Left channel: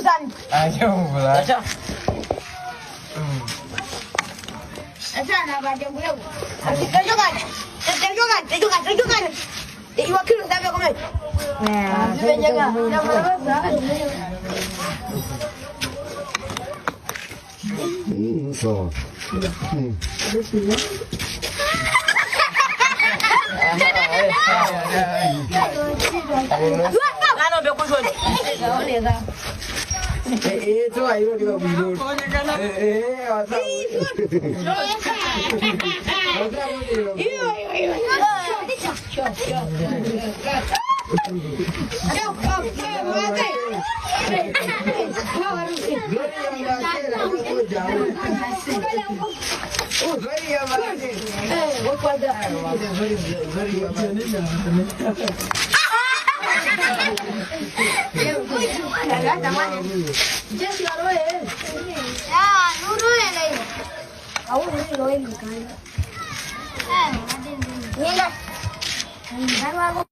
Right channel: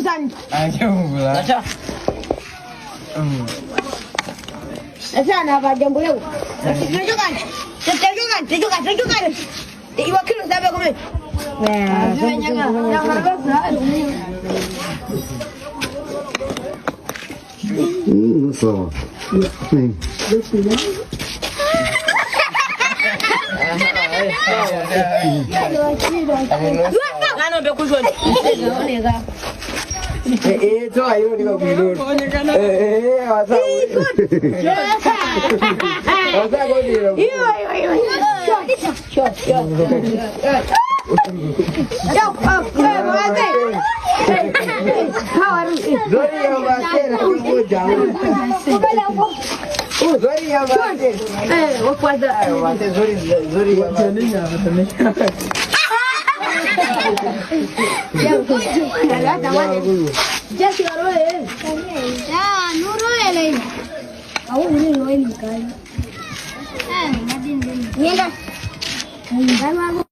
urusan. Ayo pula. Sana apa jambu leu. Tunjukkan. Iwakili sabe kome. Nah, sebenarnya yang berbeza. So. Ngano be kushoni. Itu ayo di mobil. Masa. Masa kau di. Ya,